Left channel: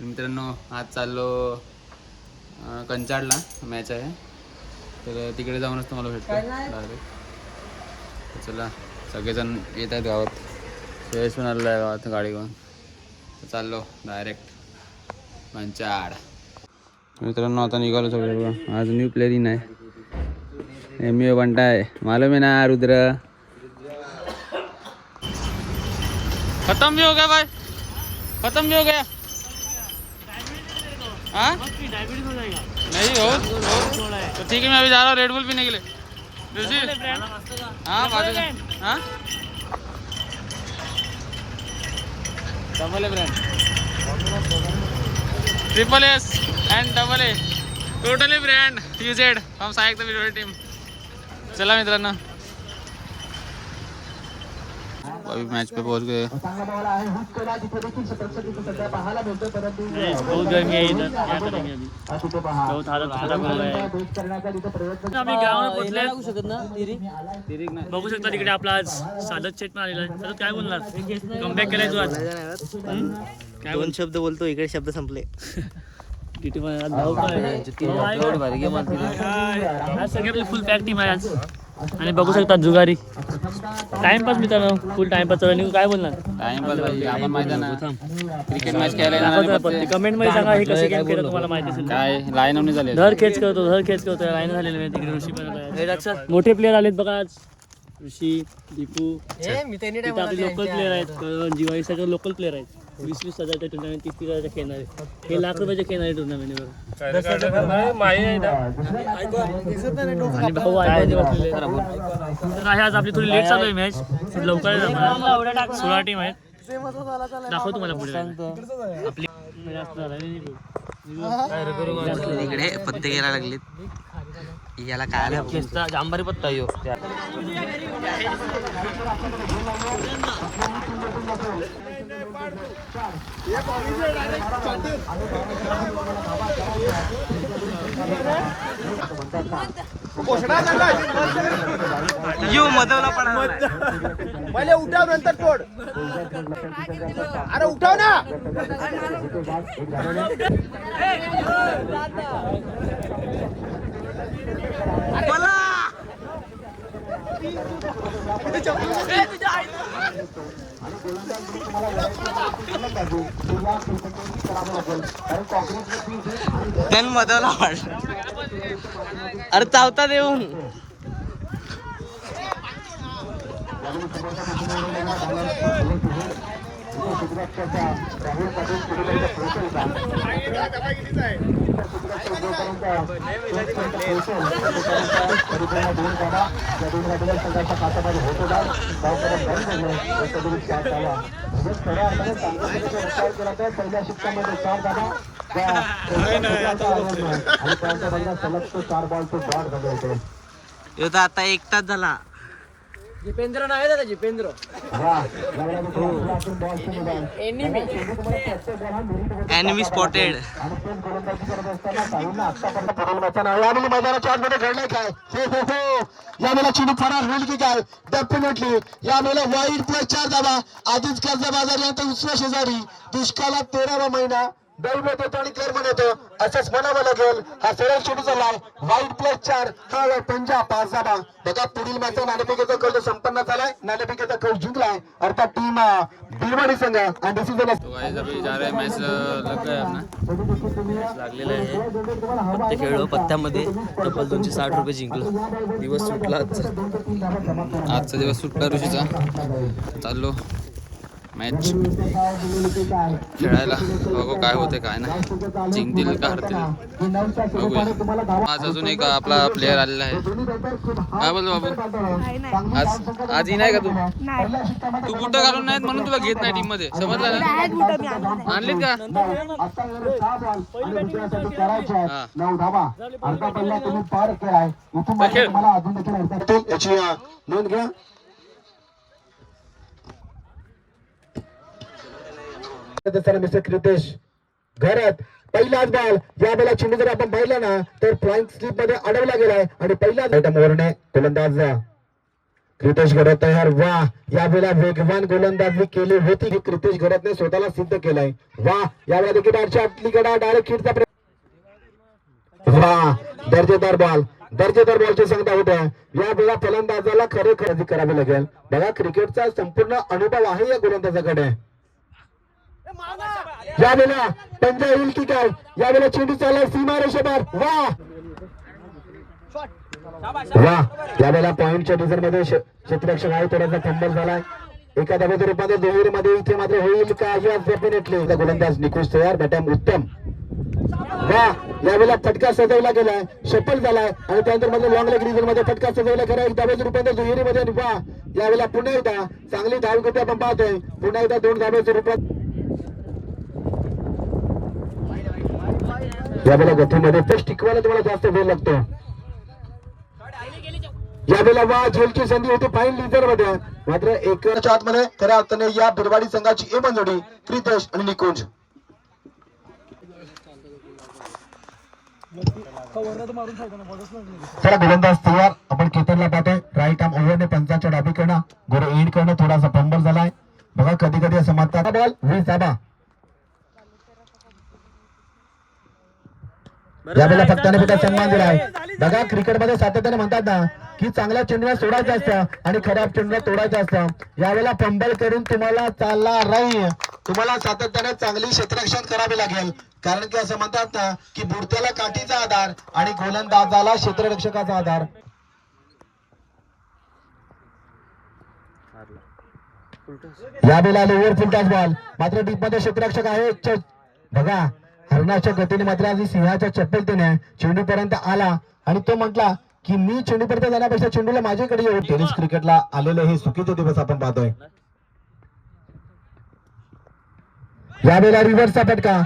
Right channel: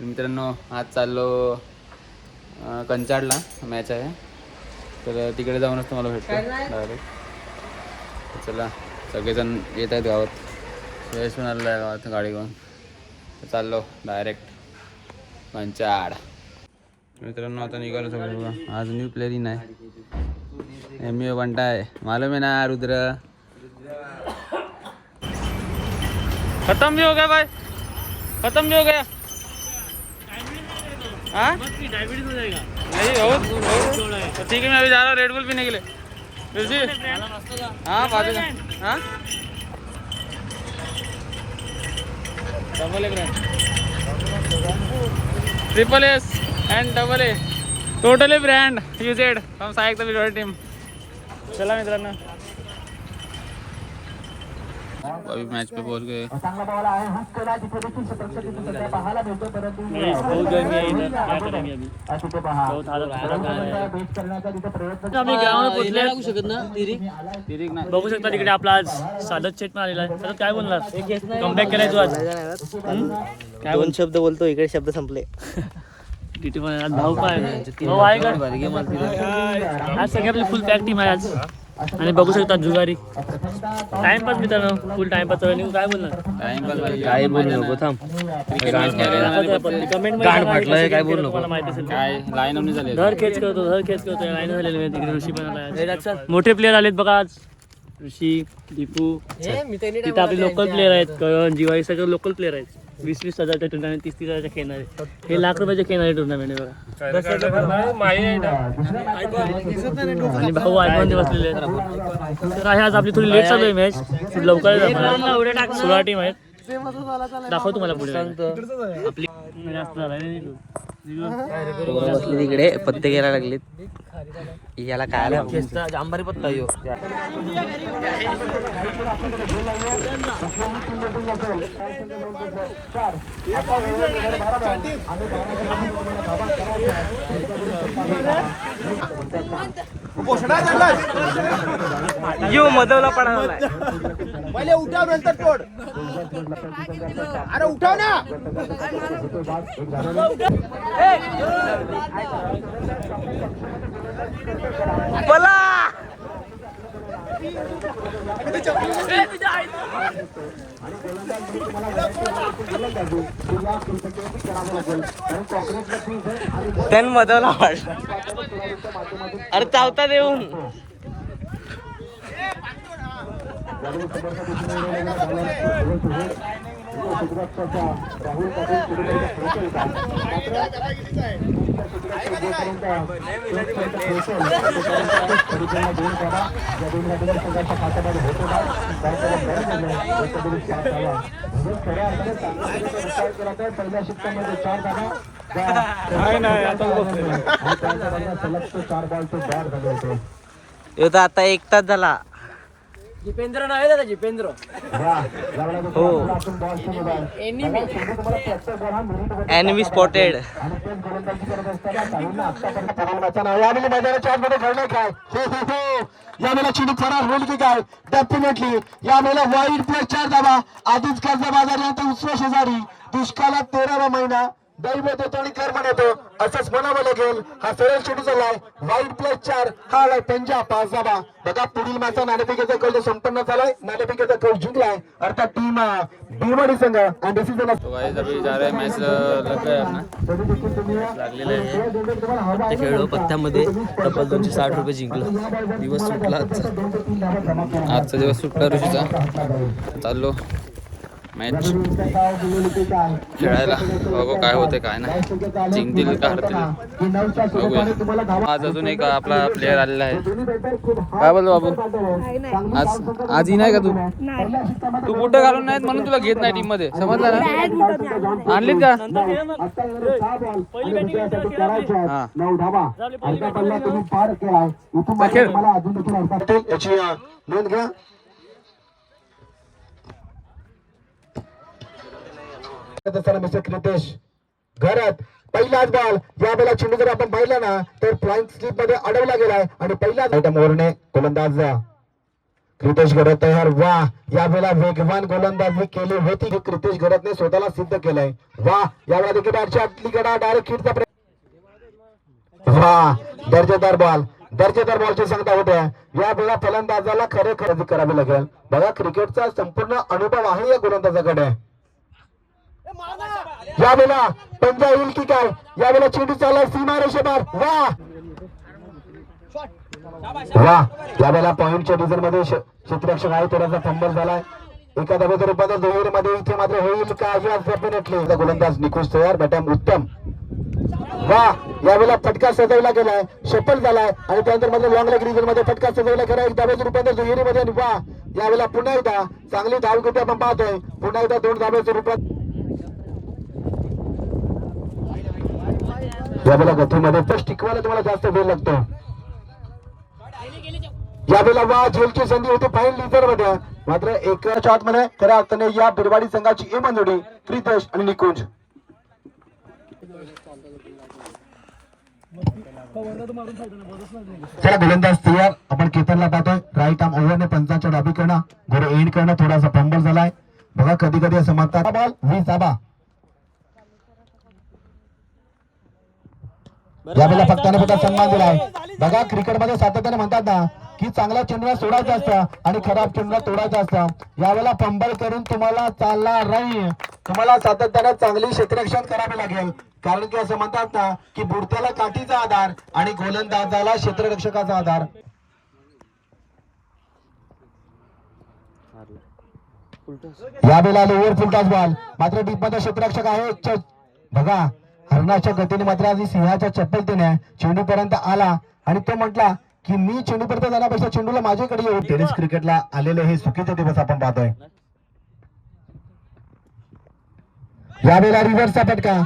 मित्रांनो आज चाललो कंचाडला मॅच आहे, तर तिकडे जाऊनच तुम्हाला भेटतो डायरेक्ट. चला सगळेजण येत आहेत गावात, सोयीसून आलेलं आहे गावात गाडी घेऊन, तर चाललो डायरेक्ट कंचाड. मित्रांनो आता निघालो सगळं. आज न्यू प्लेअरिंग आहे, एम बंटा आहे, मालूम है ना रुद्र. खत्म भी हो गया भाई, खत्म भी हो गया. हाँ डायबिटीज हो जाएगा। नहीं हो तो ठीक है, मैं अभी जा रहा हूँ रेड बुल पीने के लिए. हाँ बात है. हाँ double A brand, triple S and double A, totally brand used from सायक द वीडियो टीम. चला मित्रांनो अभी मैच पे पहुंच गए. बहुत गर्मी है इधर, क्या करेंगे अभी, बहुत हालत खराब हो गया है. आम्ही गावाला पोहोचले लागू शकत ना. बघू शकता तिकडे आपला आज सादत शेट पण आलेला आहे. तर काय बोलणार, कमबॅक केलाय तू आज. दोन शब्द बोलतो, इकडे शब्द संपले. किती पण आज भाऊ काय भाऊ आहे का? आज सगळी आपली फुल पॅक टीम आहे आज. आणि बघू शकता जुगारी टाइमपास मित्रांनो, फुल टाइमपास चालू आहे. काय बोलणार टाइमपास भाई काय मजा ना. क्रिकेट मॅच खेळायला कमेंट मध्ये सांगा कशी गेम केलं तुम्हाला माहिती असेल. काय लाईन होऊन झाले. धर खेच करतो लाईन झालेले आहे. तिकडे ऋषी पण आला, मोठे प्लेयर आलेत बघा आज. ऋषी, दीपू, तिथे आपले लोकल प्लेयर आहेत, करण, जीवाई, सगळे लोकल प्लेयर आहेत. 20-20 हजारच्या टुर्नामेंट, 30-30 हजारच्या खेळणारे, हे लाख रुपयाचे खेळणारे टुर्नामेंट आहे बघा. आणि भाऊ आयफोन बसलेले आहेत. तर आहे आज आपली थोडी लेट चालू आहे मॅच, लवकर 16 टीम आहेत. दाखव तुम्हाला पुढे आपली इकडे पत्ते घ्यायला लागलेत. याला काय अंबारी पत्ता येऊ. यो मधवला पडा पहिले उठाव नंतर तोड. अरे उठाव ना. बोला. त्यान मधवला वाढ. अरे चावता देऊन आता 1 तास झाला. जिपेंद्र नाही दादा, जिपेंद्र हो. Enemy spotted. यावेळेला चिनू फरार होईल की काय, डेफिनेटली यावेळेला वाईट प्लेस 4 धावा. आधीच कर्ज बाजारला उसव्या शेजारी, दुष्काळात 13वा महिना, दैव येतो आणि कर्म येतो असंच म्हणावं लागेल. हा सरळ चेंडू झालाय, वाईट प्लेस 4, हा आलाय पंजा 5 धावा. बघा पुढील मॅचचा नाणेफेकीचा कल संपन्न झालाय, नाणेफेकीचा कल जिंकलाय अर्थात टीम बिलवाडी संघ. आणि डिसिजन तो गाइस अभी जा रहे हैं, मैच लग रहा है अपना लागलेलं आहे. पत्ते खेळलो, पत्त्यामध्ये तब्बल 260 रुपये जिंकलं. दिवस सुटला आजचा दिवस सुटला ऋषीचा. चाललो मॅच खेळायला, बघू काय होते काय नाही, जिंकतील का हरतील बघूया. आज अजून एक आपला प्लेयर आलेला आहे. काय बोलतो बाबू, आज ही नाही का तू बुट घालून नाहीत म्हणून तुला घेत नाही टीम मध्ये, समजलं ना. आणलीत का हा खेळ. नोंद घ्या. मिस्टर क्रितेश घरात पहिलाच बॉल. या वेळेला चेंडू जर आपण पाहिला ना तर फ्लाइंग स्लिप मध्ये अडवला गेलाय आणि पहिला ओव्हरने गोलंदाज क्रितेश घरत तयार. वा यावेळेला वेगवान गोलंदाजी केली होती. हे क्रितेश घरतने स्वतःला सिद्ध केलंय. वा यावेळेला देखील बॅटच्या आतलीकडे डायरेक्ट हिटचा वा दर्जेदार बॉलची सांगता होत्या. या वेळा फलंदाजाला खरे खरेदी करावी लागेल. बघा क्रिकेटचा संपूर्ण अनुभव आहे या गोलंदाजाकडे. यावेळेला पंजा येईल की काय. यावेळेला चेंडू चाललाय सीमा रेषेवर. वा वा यावेळेला पॉइंटच्या डिझर मध्ये क्षेत्ररक्षक आहे. थोडासा फंबल झालाय. एका धावेच्या रूपात जोहीरमध्ये इथे मात्र होईल का. डेफिनेटली गोलंदाज निकुंज तयार. बॅटम उत्तम. वा यावेळेला फटका सजवला गेलाय. शफल झालाय आणि त्यानंतर मध्ये लॉंग लेग रिझन मध्ये फटका सजवला गेला. एक धावेच्या रूपात जोहीरीमध्ये. वा यावेळेला पुन्हा एकदा चांगली धावगती आपण पाहतोय. पुन्हा एकदा 2 धावेच्या रूपात यावेळेला गतीमध्ये फर्स्ट टिकवायला तुम्हाला जास्त वेळ लागतो. यावेळेला वा झेलची संधी होती फाईन लिझर मध्ये. मात्र एकाच्या आतमध्ये खऱ्या अर्थाने या बिरवाडी संघाची ए जोडी क्रितेश आणि निकुंज. चला गोलंदाज तयार. आपण केतनला पाहतोय. राईट आर्म ओव्हरने पंचांच्या डावीकडनं गोरे एंड करणं. थोडासा फंबल झालाय. बघा कधी कधी असं म्हणतात बॉल 20 धाबा. यावेळेला फटकाने फक्त सन्मान दिलाय. बघा क्रिकेटमध्ये सातत्याने म्हणतात ना की चांगल्या चेंडूला सोडायचं असतं आणि खराब चेंडूला तोडायचं असतं. यावेळेला फंबल करून तुम्हाला चालला राहील. तुम्हाला सातत्याने चांगली क्षेत्ररक्षण करावे लागेल. कारण की असं म्हणतात ना की बुडत्याला काठीचा आधार आणि गोलंदाजाला क्षेत्ररक्षकाचा आधार. यावेळेला लोअर फुल टॉस बॉल. मात्र डीप मध्ये क्षेत्ररक्षक आहे. बघा हरणाच्या गतीने मात्र आधी सिंहाच्या चपलतेने चेंडू पर्यंत आला आणि तो म्हटला की मी चेंडू पर्यंत जाण्यापेक्षा चेंडूला माझ्याकडे येऊ. टेनिस क्रिकेटला आलेले हे चुकीचे दिवस आपण पाहतोय. यावेळेला रिव्हर्सचा फटका.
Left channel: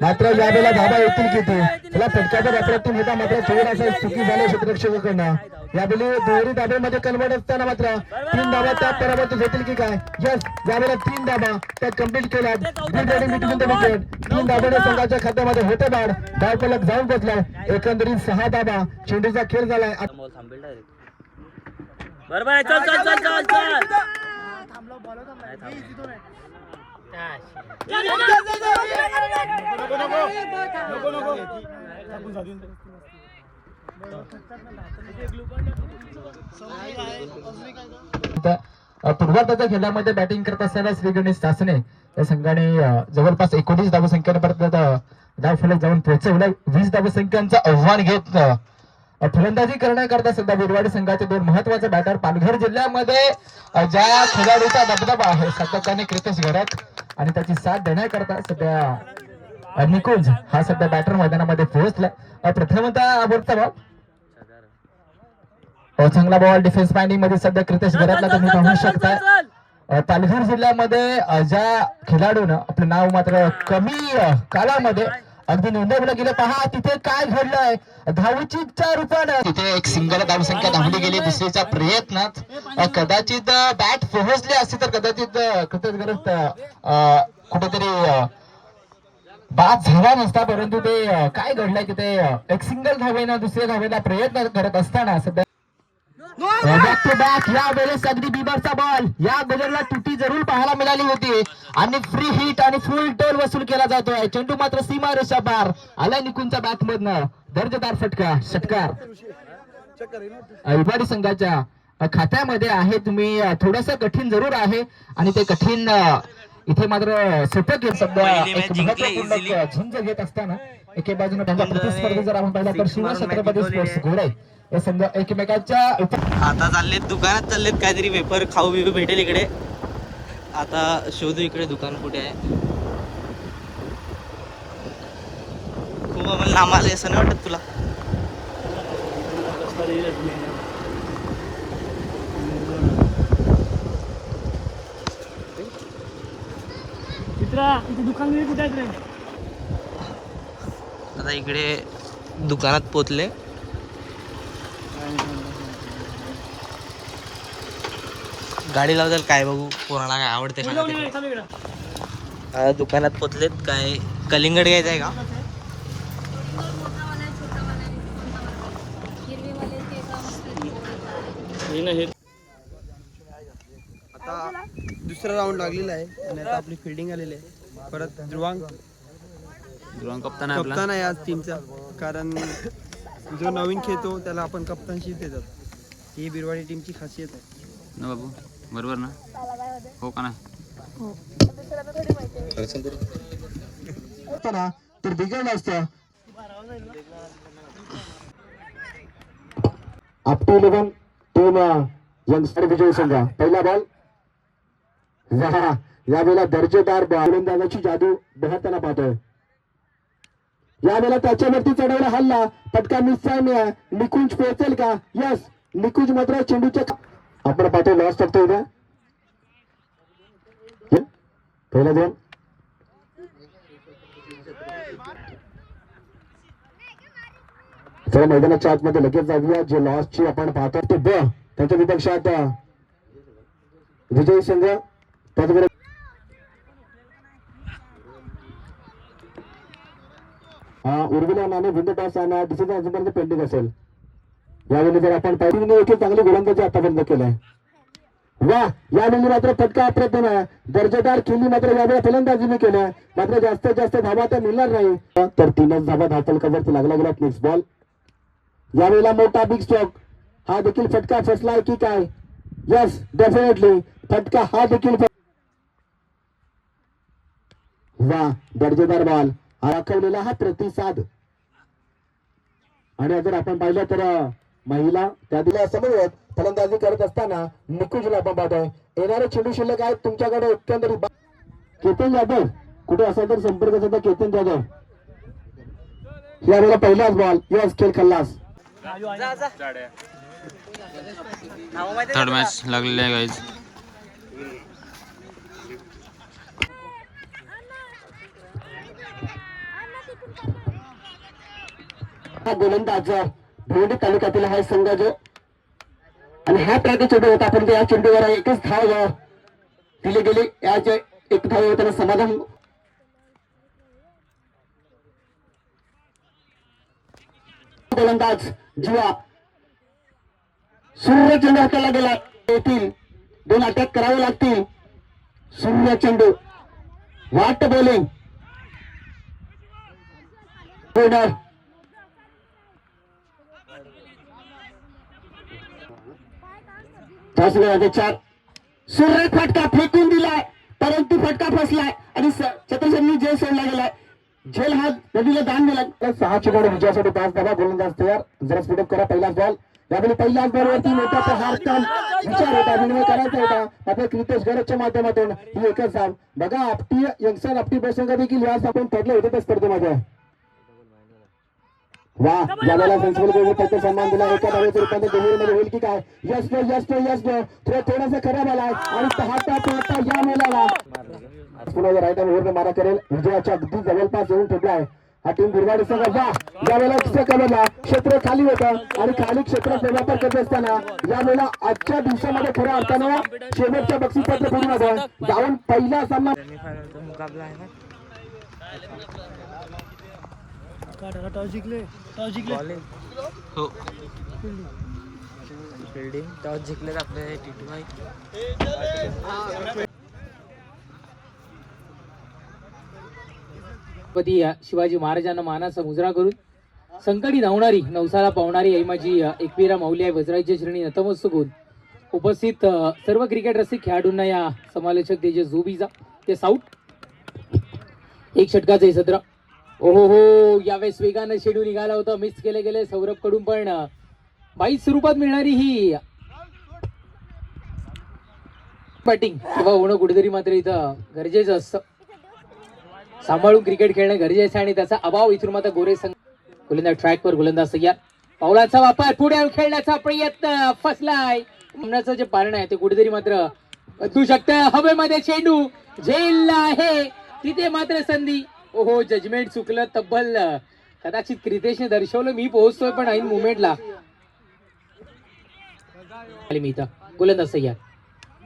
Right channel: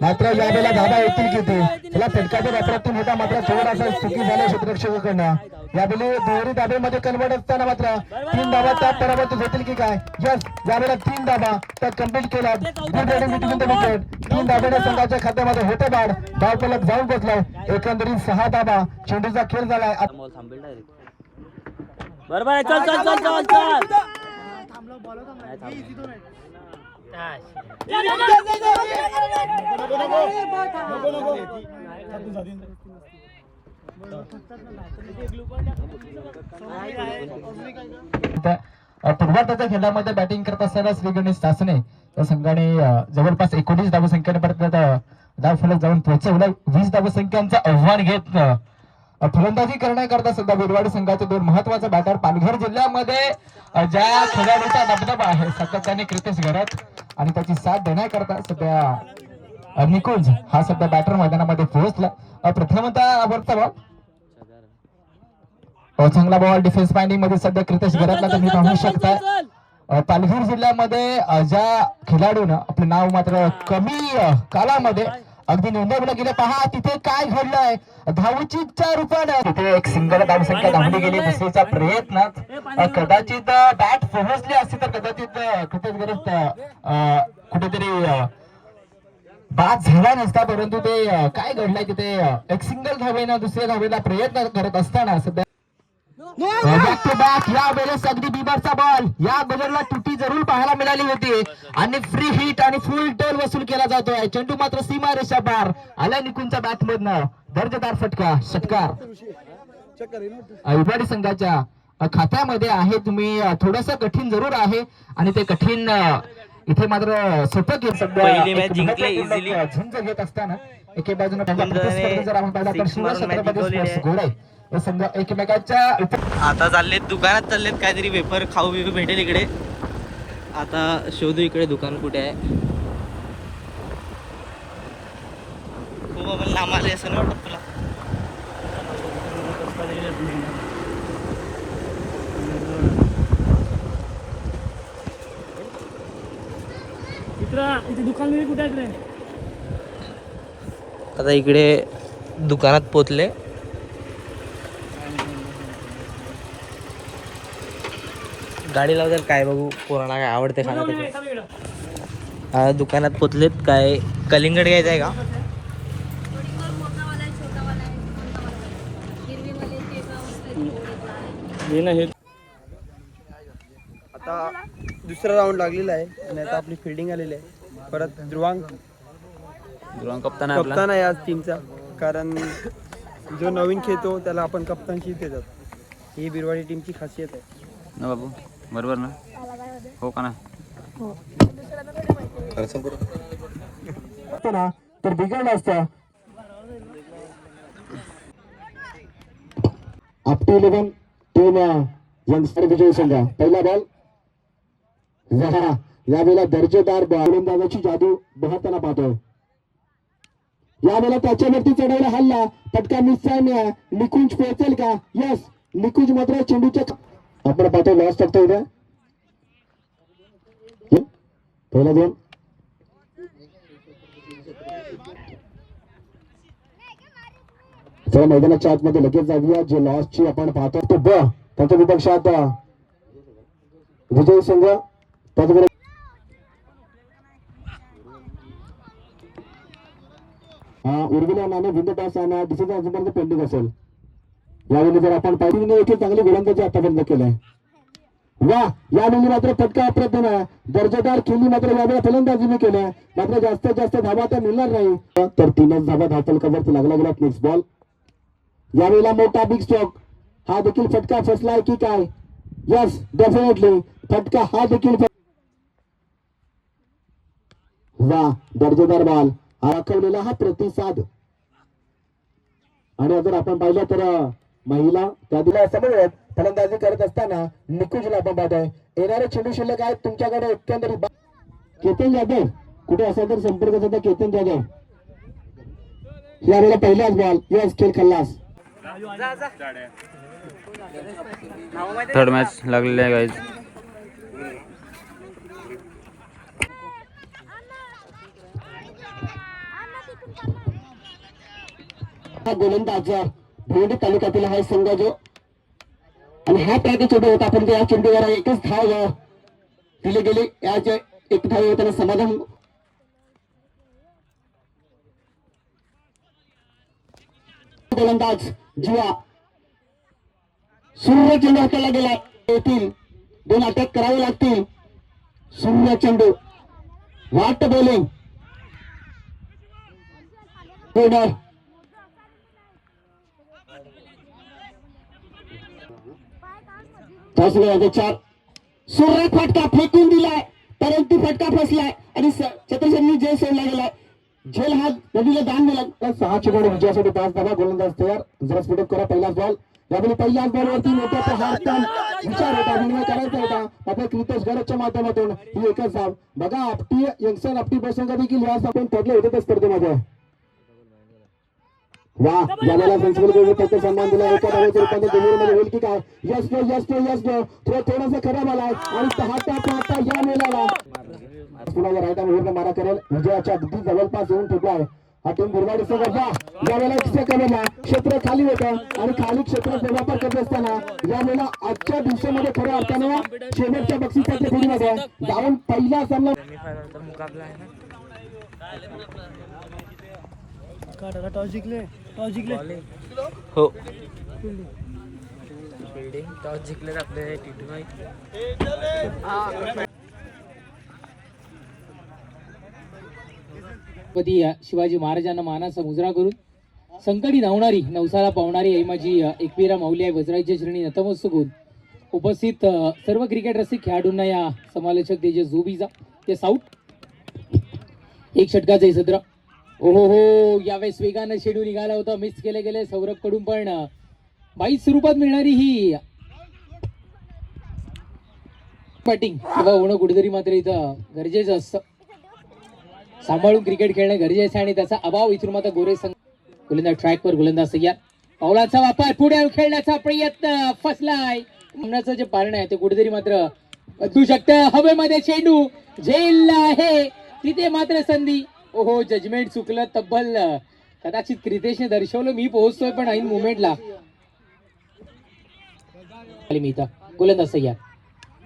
मात्र यावेळेला धाबा येतील किती. त्याला फटक्याचा अप्रतिम होता. मात्र थोडासा चुकी झाली क्षेत्ररक्षकाकडनं. यावेळी दोन्ही धाब्यामध्ये कन्वर्ट असताना मात्र 3 धाबा त्यात पराभूत होतील की काय. यस यावेळेला 3 धाबा त्यात कम्प्लीट केल्या. Good batting between the wicket. 3 धाब्याने संघाच्या खात्यामध्ये होते बाद. धाव फलक जाऊन पोहोचलाय. एकंदरीत 6 धाबा. चेंडूचा खेळ झालाय. बरोबर आहे. चल चल चल चल चल. पूर्वार्धाच्या खेळामध्ये बॅटिंग करत असताना श्री गणेश सासने या संघाने जवळपास 19 धावसंख्येपर्यंत धाव फलक जाऊन पोहोचवलं. 20 धावसंख्यांचं आव्हान घेत फलंदाजी करण्याकरता सध्या बिरवाडी संघाचे 2 महत्वाचे बॅटर. पालघर जिल्ह्यामध्ये ज्या खेळाडूचा दबदबा आहे सध्या त्याने क्रितेश घरत आणि त्याची साथ देण्याकरता सध्या निकुंज हा सध्या बॅटर मैदानामध्ये पोहोचला. प्रथमतः वरचा बॉल चांगला बॉल डिफेन्स माइंडिंग मध्ये सध्या क्रितेश घरातला तुम्ही पाहू शकता. पालघर जिल्ह्यामध्ये ज्या खेळाडूनं आपलं नाव मात्र कमी कालामध्ये अगदी नोंदवलं गेलं. पहा तिथे काय घडलंय. धावचीच्या रूपानं तिथे एक सिंगल धावसंख्या धावली गेली. दुसरीच्या प्रयत्नात कदाचित बॅट पोहोचली असती तर कदाचित क्रितेश घरात कुठेतरी बाद झाला नसता. परंतु ते काय घडलंय तिथे एक सिंगल धावेनं दुसऱ्या धावेला प्रयत्न करत असताना सध्या बॅक टू बॅक या वेळेस अगदी बिबरचा बॉल. या बॉलरला तुटी जरूर पाहायला मिळाली होती आणि फ्री हिट आणि फुल टोल वसूल केला जातोय. चेंडू मात्र सीमा रेषा पार आला निकुंजच्या बॅट मधनं. दर्जेदार फटका षटकार बिरवाडी संघाच्या खात्यामध्ये आहे. तुम्ही थोडस कठीण जरूर आहे आणि ते कठीण इथे मात्र सोपं घेत सध्या झुंज घेत असताना एके बाजूने प्रतिस्पर्धी जर आपण पाहिला तर शिवछत्रपती स्पोर्ट्स घोडे हे संघ एकमेकाच्या आता चाललेत दुकानात चाललेत. काहीतरी वेपर खाऊ बिऊ भेटेल इकडे. आता शोधू इकडे दुकान कुठे आहे. तू मला नाम आले असं नाही वाटत तुला. इथे दुकान कुठे आहे. आता इकडे दुकानात पोचले. गाडी लावताल काय बघू. कोणाला काय आवडते खाणं तिकडे. हा दुकानात पोचलेत. काय कलिंगड घ्यायचं आहे का. आता दुसरा राऊंड लागलेला आहे आणि आता आपली फिल्डिंग आलेली आहे. परत ध्रुवांग कप्तान आहे आपला. कप्तान आहे आज टीमचा, कारण जो नवीन खेळतो त्याला आपण कप्तानशी देतात. ही बिरवाडी टीमची खासियत आहे ना बाबू, बरोबर ना? हो का ना? ना तर बिघडलं असतं. आपटी 11 टीम यंगस्टर विजय संघ. पहिला बॉल यावेळेला दर्जेदार गोलंदाजाची जादू बहरताना पाहतोय. यावेळेला त्याच्यावरती चढवला हल्ला, पटका मिस आहे. निकुंज पोहोचेल का? यस, निकुंज मात्र चेंडूच्या आपण पाहतोय लॉस टाकतोय उद्या. पहिला दोन चला मैदानाच्या आतमध्ये लगेच जाऊया. जे लॉसची आपण पाहतो तो ब त्याच्या विपक्षात विजय संघ. त्याचबरोबर उर्मिला नाणे विंड टॉस आणि डिसिजन अजूनपर्यंत पेंडिंग असेल. यावेळी जर आपण पाहिजे एक चांगली गोलंदाजी आतापर्यंत केलाय. वा, यावेळी मात्र फटका अप्रतिम आहे. दर्जेदार खेळी मात्र यावेळी फलंदाजीने केल्या. मात्र जास्तीत जास्त धावा तर मिळणार नाही. तर 3च धावा धावफलकावरती लागला गेला. Next ball. यावेळेला मोठा बिग स्ट्रोक. हा देखील फटका फसलाय की काय? यस, डेफिनेटली फटका हा देखील. वा, दर्जेदार बॉल. राखवलेला हा प्रतिसाद. आणि जर आपण पाहिलं तर महिला त्या दिला समोर फलंदाजी करत असताना निकुंजला आपण पाहतोय. येणारे चेंडू शिल्लक आहेत तुमच्याकडे. एकंदरीत केतन जाधव कुठे असेल तर संपर्क साधा. केतन जाधव यावेळेला पहिलाच बॉल. यस, खेळ खल्लास. थर्ड मॅच लागलेली आहे गाईज. हा गोलंदाज भिवंडी तालुक्यातील हा संघ जो आणि हा ट्रॅक चेंडू होता. आपण या चेंडूवर एकच धाव दिली गेली. याच एक धाव होताना समाधान. गोलंदाज जीवा सूर्य चेंडू हाताला गेला. येतील 2 अटॅक करावे लागतील. सूर्य चेंडू वाट बॉलिंग. सूर्य फटका फेकून दिलाय, परंतु फटका फसलाय आणि छत्रसेननी जेल सोडला गेलाय. झेल हा नदीला दान दिला. 6 चेंडू विजयासाठी 5 धावा. गोलंदाज तयार. जरा स्पीडअप करा. पहिलाच बॉल. यावेळी पहिल्याच बॉलवरती मोठा विचार होता, विनिमय करायचा होता. मात्र क्रितेश गरजच्या माध्यमातून ही एकच धाव. बघा, आपटी यंगस्टर आपटी प्रसंग देखील यास आपण पडले होते त्या स्पर्धेमध्ये. वा, यावेळेला सेन्सिबल गोलने फक्त सन्मान दिला. एका धावेचं रूपांतर दुहेरीमध्ये होईल की काय? Yes no, yes no, yes no. थोडासा खराब आलाय आणि पाहता या मेलाला पुन्हा राईट हँड ओव्हरने मारा करेल. विजयाच्या अगदी जवळपास येऊन ठेवलाय हा टीम बिरवाडी संघ. यावेळेला कमरला क्षेत्र खाली होतं आणि खाली क्षेत्राचा वापर करत असताना यावेळेला आजच्या दिवसामध्ये खऱ्या अर्थानं शेवटच्या बक्षीसपत्र पूर्ण जाऊन पहिला सामना टॉस जिंकले. हो, बिल्डिंग टॉस जिंकले आपले टी2. शिवाजी महाराजांना मानाचा मुजरा करून संकटी धावणारी नवसाला पावणारी आई माझी एकवीरा माऊली आहे. वज्राच्या श्रेणी नतमस्तक होऊन उपस्थित सर्व क्रिकेट रसिक खेळाडूंना या समालोचक तेजस झोबीचा ते साऊट एक षटकाचे सत्र. ओहो हो, यावेळेस वेगानं शेड्यू निघाला होता. मिस केले गेले सौरभ कडून, पण 22 स्वरूपात मिळणारी ही बॅटिंग किंवा होणं कुठेतरी मात्र इथं गरजेचं असतं. सांभाळून क्रिकेट खेळणं गरजेचं आहे आणि त्याचा अभाव इथून मात्र गोरे संघ. गोलंदाज ट्रॅकवर, गोलंदाज तयार. पावलाचा वापर, पुढे खेळण्याचा प्रयत्न फसलाय. म्हणण्याचं जे पारण आहे ते कुठेतरी मात्र बदलू शकतं. हवेमध्ये चेंडू झेल आहे तिथे मात्र संधी. ओहो, जजमेंट चुकलं. तब्बल कदाचित क्रितेशने दर्शवलं मी पोहोचतोय, पण ऐन मुवमेंटला मी इथं. गोलंदाज तयार.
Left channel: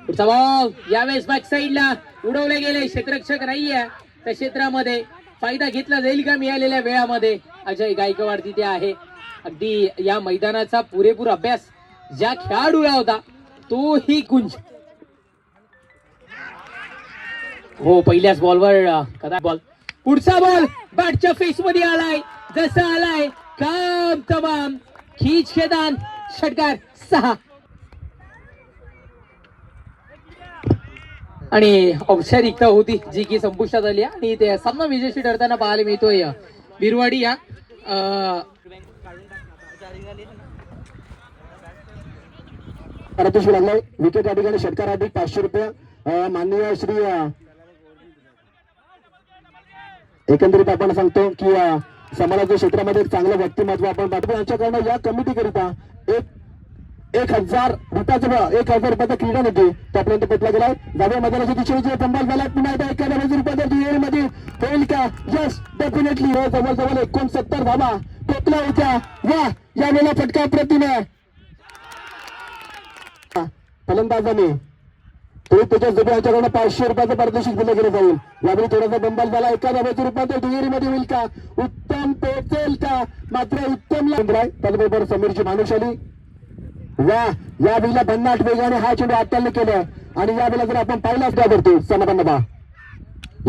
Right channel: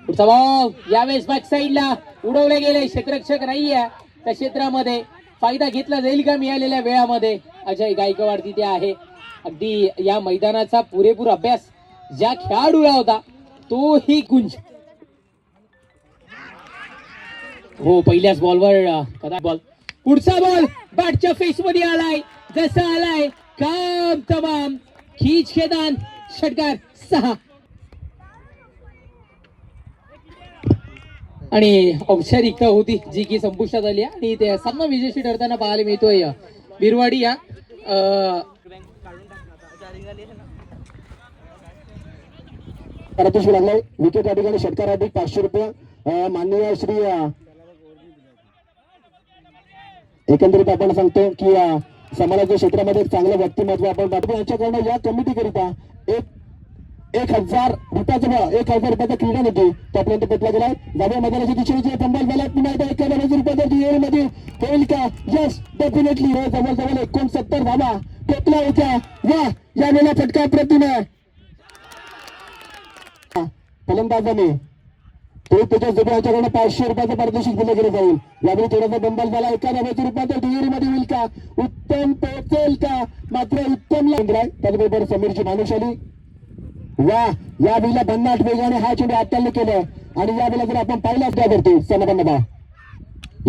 पुढचा बॉल यावेळेस बॅक साईडला उडवले गेले. क्षेत्ररक्षक नाहीये त्या क्षेत्रामध्ये. फायदा घेतला जाईल का मिळालेल्या वेळामध्ये? अजय गायकवाड तिथे आहे. अगदी या मैदानाचा पुरेपूर अभ्यास ज्या खेळाडूला होता तोही गुंज. हो पहिल्याच बॉलवर कदा बॉल पुढचा बॉल बॅटच्या फेस मध्ये आलाय जसा आलाय काम तमाम खीच खेदान षटकार 6 आणि औपचारिकता होती जी की संपुष्टात आली आणि ते सामना विजयशी ठरताना पाहायला मिळतोय बिरवाडी या लागलाय विकेट या ठिकाणी षटकार अधिक 500 रुपये माननीय श्री एकंदरीत आपण सांगतो की समाजाच्या क्षेत्रामध्ये एक चांगलं व्यक्तिमत्व आपण पाठवतो यांच्याकडनं या कमिटी करिता 1000 रुपयाचा क्रीडा निधी त्यापर्यंत पोहोचला गेलाय जाव्या मैदानाच्या दिशेने पंबल झाला पुन्हा एकदा 91 रुपयाच्या दुहेरीमध्ये होईल का यस डेफिनेटली जवळजवळ 69 धावा पोहोचला होत्या वा यावेळेला फटका प्रतिने फलंदाजाने तो त्याच्या जुबेच्याकडून 500 रुपयाचं पारितोषिक दिलं गेलं जाईल यावेळी थोडासा बंबाल झाला 91 रुपयाच्या दुहेरीमध्ये होईल का उत्तम पोहोचेल का मात्र उत्तमला त्याचबरोबर समीरची मानुषाली वा या वेळेला 50 वेगाने हा चेंडू हाताळले केलाय आणि यावेळेला जर आपण पाहिलाच त्या करतो सनापन्नबा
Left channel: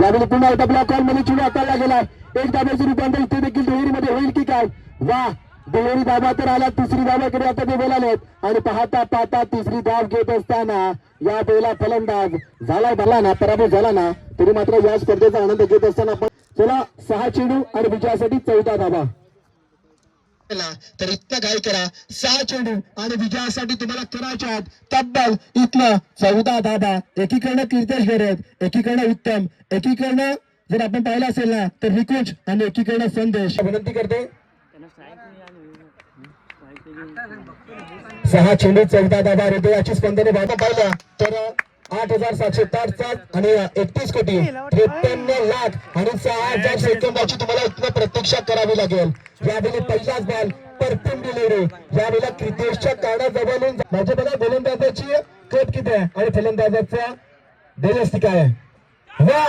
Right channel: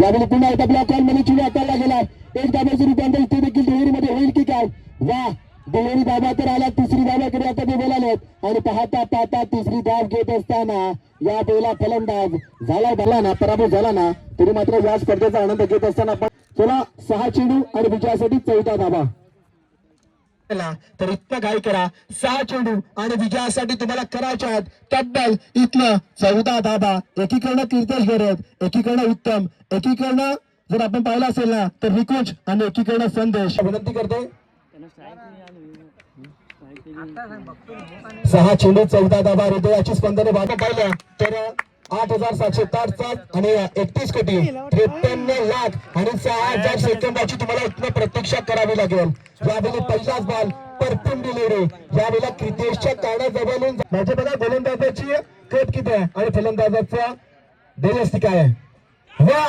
यावेळी पुन्हा एकदा ब्लॉक कॉल मध्ये चेंडू हाताळला गेलाय 1 धाब्याचे रूपांतर इथे देखील दुहेरीमध्ये होईल की काय वा दुहेरी धाबा तर आला तिसरी धाबाकडे आता ते बोलालेत आणि पाहता तिसरी धाव घेत असताना या वेळेला फलंदाज झाला भरला ना पराभव झाला ना तरी मात्र या स्पर्धेचा आनंद घेत असताना आपण त्याला 6 चेंडू आणि विजयासाठी 4था धाबा तर इतकं काय करा 6 चेंडू आणि विजयासाठी तुम्हाला करायचे आहेत तब्बल इथलं 14 धाबा एकीकडनं कीर्तेश गरज एकीकडनं उत्तम एकीकडनं जर आपण पाहिलं असेल ना तर रिकुच आणि एकीकडनं संदेश विनंती करते 6 चेंडू 14 धाबा हृदयाची स्पंदने भाग पाहिलं तर 8767 आणि 31 कोटी 53 लाख आणि 6000 सेकंदाची तुम्हाला इथनं प्रतीक्षा करावी लागेल यावेळी पहिलाच बॉल परतून डिलिव्हरी यावेळेला क्रितेशच्या कानाजवळून माझ्या बघा गोलंदाजाची कट किती आहे आणि फलंदाजाचा देजस्ती काय आहे वा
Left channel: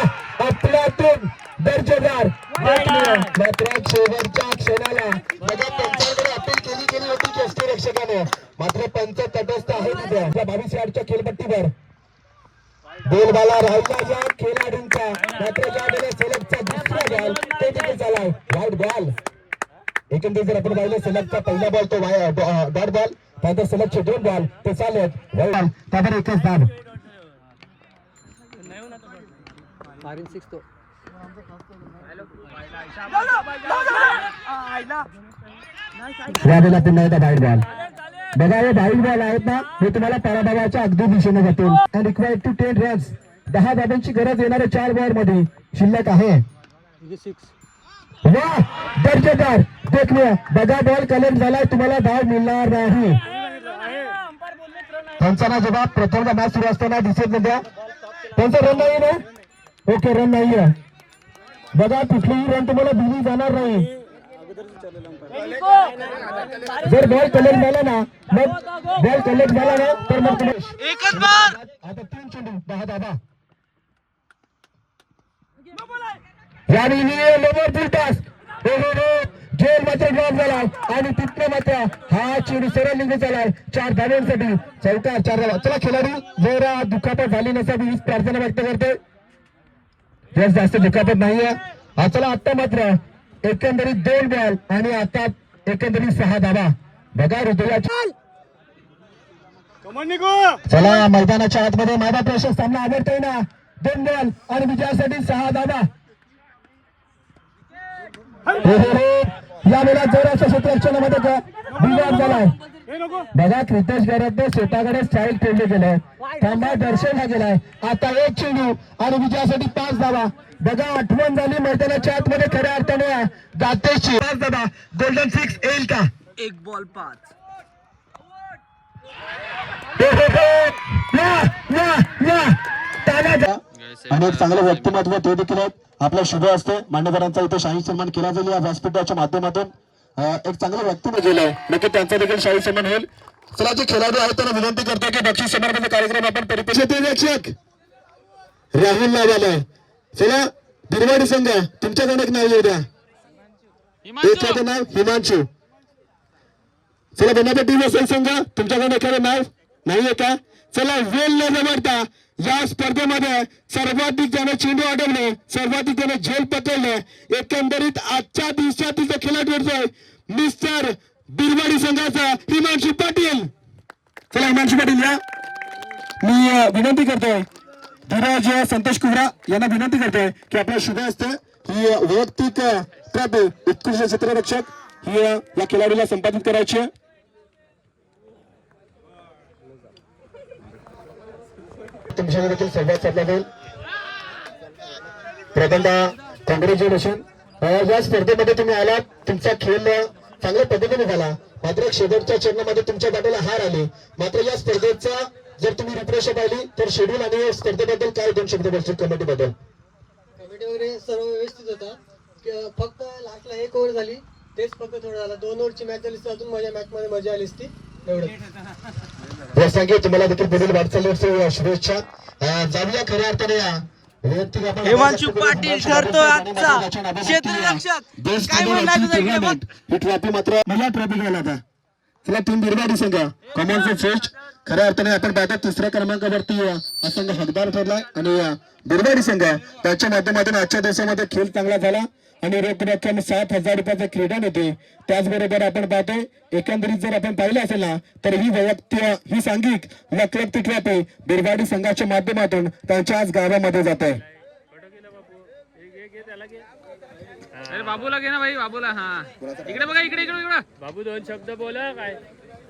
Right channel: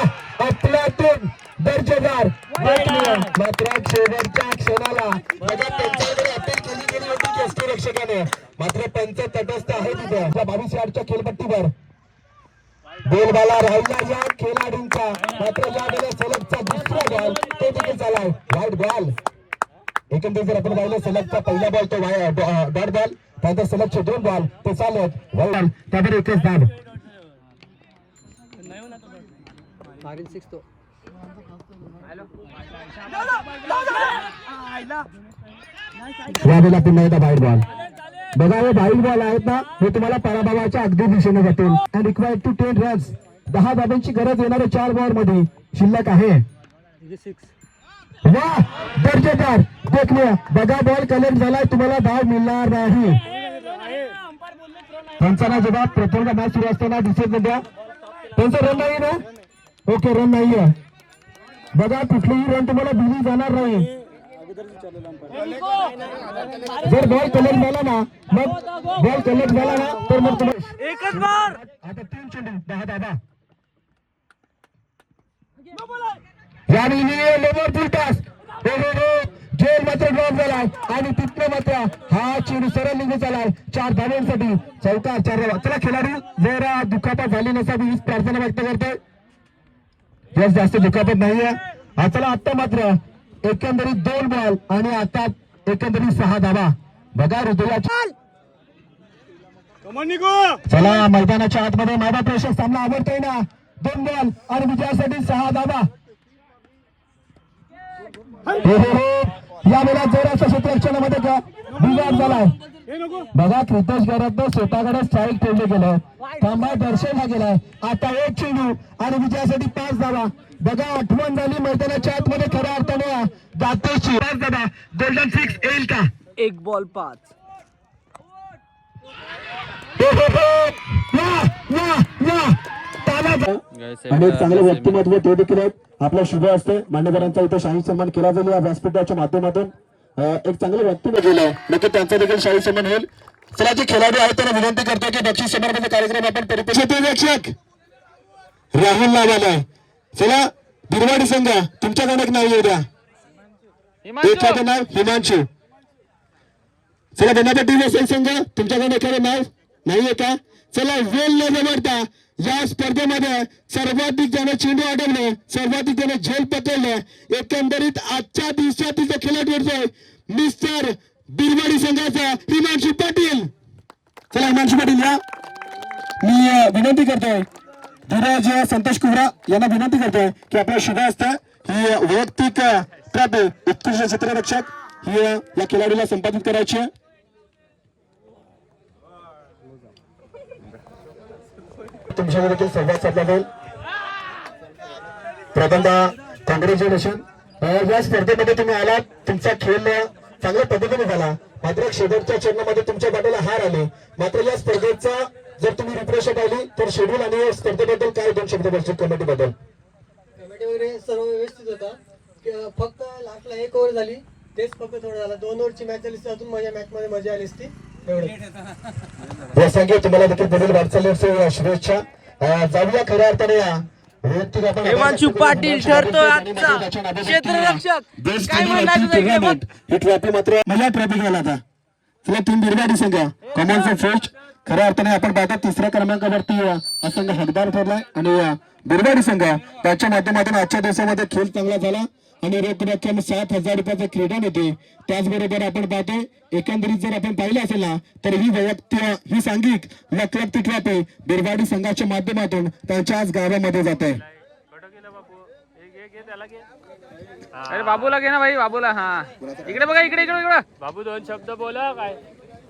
अफलातून दर्जेदार मात्र शेवटच्या क्षणाला अपील केली गेली होती यष्टीरक्षकाने मात्र पंच तटस्थ आहे तिथे 22 यार्डच्या खेळपट्टीवर बेलबाला राहिला या खेळाडूंचा मात्र या वेळेला सलगचा दुसरा बॉल तो देखील झालाय वाईट बॉल एकंदरीत जर आपण पाहिलं सलगचा पहिला बॉल तो डॉट बॉल त्यानंतर सलगचे 2 बॉल ते चालत बॉल त्यावर एकच धाव यावेळेला पुन्हा एकदा वाईट बॉल बघा हे वाईट बॉल आहेत ना हे तुम्हाला पराभवाच्या अगदी दिशेने जातील अँड रिक्वायर्ड टू 10 रन्स 10 धाब्यांची गरज येणाऱ्या 4 बॉल मध्ये शिल्लक आहे वा दर्जेदार देखणे बघा बॉल कलेक्ट झालाय तुम्हाला धाव मिळणार नाही त्यांचा ना जबाब प्रथमदा मॅच सुरू असताना दिसत नाही त्यांचा रन नाही ना ओके रन नाहीये बघा कुठलीही रन तुम्हाला दिली जाणार नाही जर बॉल कलेक्ट झाला ना मग बॉल कलेक्ट झाला ना तर मग एकच बार आता 3 चेंडू 10 धाबा यावेळी लोवर फुलटॉस जेल मात्र ड्रॉप झालाय आणि तिथलं मात्र हा चेंडू सरळ निघून चालाय 4 धाब्यांसाठी चौकार 4 धाबा चला खेळाडू जर दुखापत झाली नसावी हीच प्रार्थना व्यक्त करते जास्त दुखापत नाहीये चला आता मात्र एकंदरीत 2 बॉल आणि आता एकंदरीत 6 धाबा बघा हृदयाची चला मैदानाच्या आतमध्ये माझा प्रेक्षक सामना आवडतोय ना 2 बॉल आणि विजयासाठी 6 धाबा या वेळेला जोराच्या क्षेत्ररक्षणामध्ये विवाद झालाय बघा क्रितेश गरजने स्वतःकडे स्ट्राईक ठेवले गेले त्यांना दर्शवला गेलाय आता 1 चेंडू आणि विजयासाठी 5 धावा बघा आठवण झाली मैदानाच्या आतमध्ये खऱ्या अर्थाने दातेशी 5 धावा गोल्डन 6 येईल का 1 बॉल 5 आणि एक चांगलं व्यक्तिमत्व ते देखील आपल्या शुभ असते मान्यवरांचा इथे शाही सन्मान केला जाईल या व्यासपीठाच्या माध्यमातून एक चांगलं व्यक्तिमत्व गेलं नक्की त्यांचा देखील शाही सन्मान होईल चला जे खेळाडू आहेत त्यांना विनंती करतो की बक्षीस समारंभाचा कार्यक्रम आपण परिपेक्षक राहुल नावाला चला बिरवाडी संघ तुमच्याकडे एक नाव येऊ द्या एखादं नाव हिमांशू चला बनापट्टी वसई संघ तुमच्याकडे एखादं नाव नाहीये का चला वेल न जमडता या स्पर्धेमध्ये सर्वाधिक जण चेंडू अडवले, सर्वाधिक जण झेल पकडले. एकंदरीत आजच्या दिवसातील जो खेळाडू आहे मिस्टर बिरवाडी संघाचा हिमांशू पाटील. चला हिमांशू पाटील या. मी विनंती करतोय धीरज संतोष कुवरा यांना विनंती करतोय की आपल्या शुभ हस्ते ही वैयक्तिक ट्रॉफी उत्कृष्ट क्षेत्ररक्षक ही या खेळाडूला संपादित करायची आहे. तुमच्याकडे देखील संवाद साधला जाईल. प्रथमतः कॉंग्रॅच्युलेशन. या स्पर्धेमध्ये तुम्ही आलात, तुमचा खेळ चांगल्या पद्धतीने झाला, मात्र शेवटच्या चरणामध्ये तुमच्या पाठीला हार आले. मात्र या स्पर्धेचा जर तुम्ही रिफ्रेश पाहिली तर शेड्यूल आणि या स्पर्धेबद्दल काय 2 शब्द बोलतील कमिटीबद्दल? कमिटी वगैरे सर्व व्यवस्थित होता. फक्त लास्टला 1 ओव्हर झाली, तेच फक्त थोडं झालं. 2 ओव्हरची मॅच झाली असती अजून माझ्या मॅच मध्ये मजा आली असती. यासाठी तुम्हाला देखील पुढील वाटचालीसाठी शुभेच्छा. जाऊया खऱ्या अर्थाने या वैयक्तिक आपण हिमांशू पाटील ठरतो आजचा क्षेत्ररक्षक. काय म्हणणार तुझं? ही ट्रॉफी मात्र मला ट्रॉफी घ्यायला आता. चला टीम बिरवाडी संघ कॉमनचा फेस्ट खऱ्या अर्थाने आपण पाहतो 3ऱ्या क्रमांकावरती हा संघ हकदार ठरलाय आणि बिरवाडी संघ त्याच्या माध्यमातून आजच्या दिवसामध्ये खेळ चांगला झाला आणि रोख रक्कम 7,000 रुपयाचं क्रीडा होते. त्याचबरोबर आपण पाहतो एकंदरीत जर आपण पाहिलं असेल ना तर ही वैयक्तिक ही सांघिक वैयक्तिक ट्रॉफी बिरवाडी संघाच्या माध्यमातून त्यांच्या आज गावामध्ये जात आहे. अरे बाबूला घे ना भाई, बाबूला. हा इकडे बघा, इकडे इकडे इकडे. बाबू 2 शब्द बोला. काय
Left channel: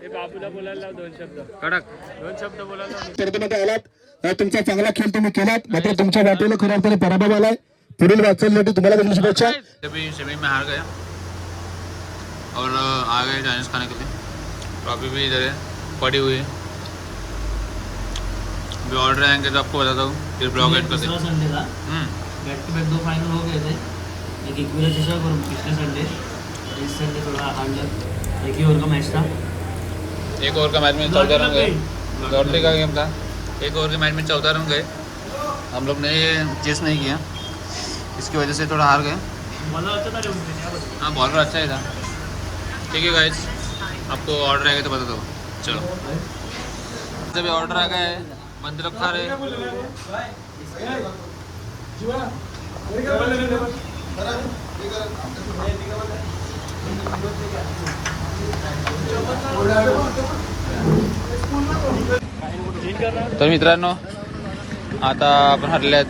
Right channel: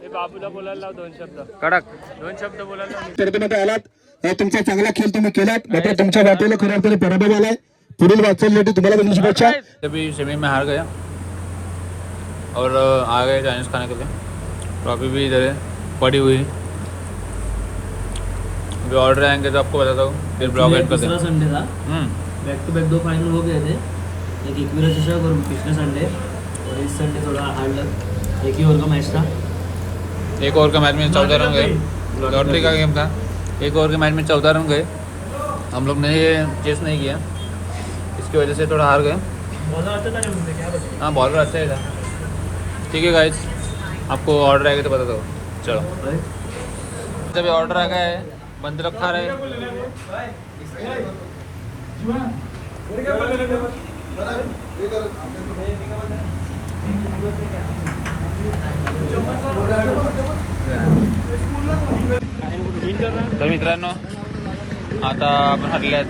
हे बाबूला बोलायला लाव 2 शब्द. कडक 2 शब्द बोलायला लाव. स्पर्धेमध्ये आलात, तुमचा चांगला खेळ तुम्ही केलात, मात्र तुमच्या बाजूला खऱ्या अर्थाने पराभव आलाय. पुढील वाटचालीसाठी तुम्हाला देखील शुभेच्छा. अभी सेमी में हार गया और आ गए चाइनीज खाने के लिए. ट्रॉफी भी इधर है पड़ी हुई. अभी ऑर्डर आएंगे तो आपको बताता हूँ, फिर ब्लॉग एड करते हैं. संडे था बैक टू बैक 2 फाइनल हो गए थे. एक एकविरा चषक और पिछले संडे, और इस संडे थोड़ा हार्ड लग. एक ही ओवर का मैच था. एक ओवर का मैच में 14 रन गए. लॉटरी का गेम था. एक ओवर के मैच में 14 रन गए. हम लोग ने ये चेस नहीं किया, इसकी वजह से थोड़ा हार गए. हाँ बॉलर अच्छा ही था. ठीक है गाइस, आपको ऑर्डर आएगा तो बता दो. चलो जब ऑर्डर आ गया है बंद रखा रहे. तर मित्रांनो आता आपण हरल्यात.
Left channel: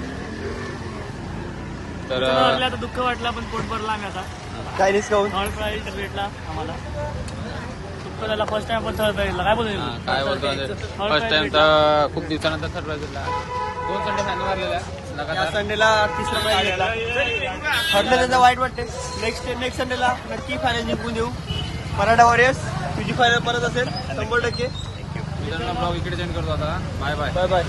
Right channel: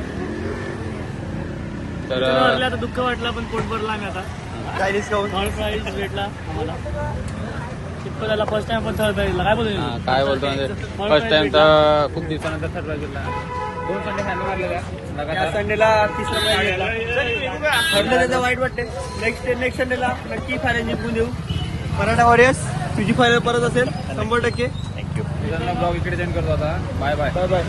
तर आता दुःख वाटलं पण पोट भरला आम्ही आता. काय डिस्काउंट थर्ड प्राइज भेटला आम्हाला. दुःख झाला. फर्स्ट टाइम आपण थर्ड प्राइजला. काय बोलतो हा, काय बोलतो म्हणजे फर्स्ट टाइम तर खूप दिवसानंतर थर्ड प्राइज भेटला. 2 संडे फायनल मारले का लगातार. संडेला 3रा प्राइज भेटला. ठरलं त्याचं वाईट वाटते. नेक्स्ट संडेला नक्की फायनल जिंकून देऊ. मराठा वॉरियर्स तुझी फायनल परत असेल 100%. मित्रांनो ब्लॉग इकडे सेंड करतो आता. Bye bye. Bye bye.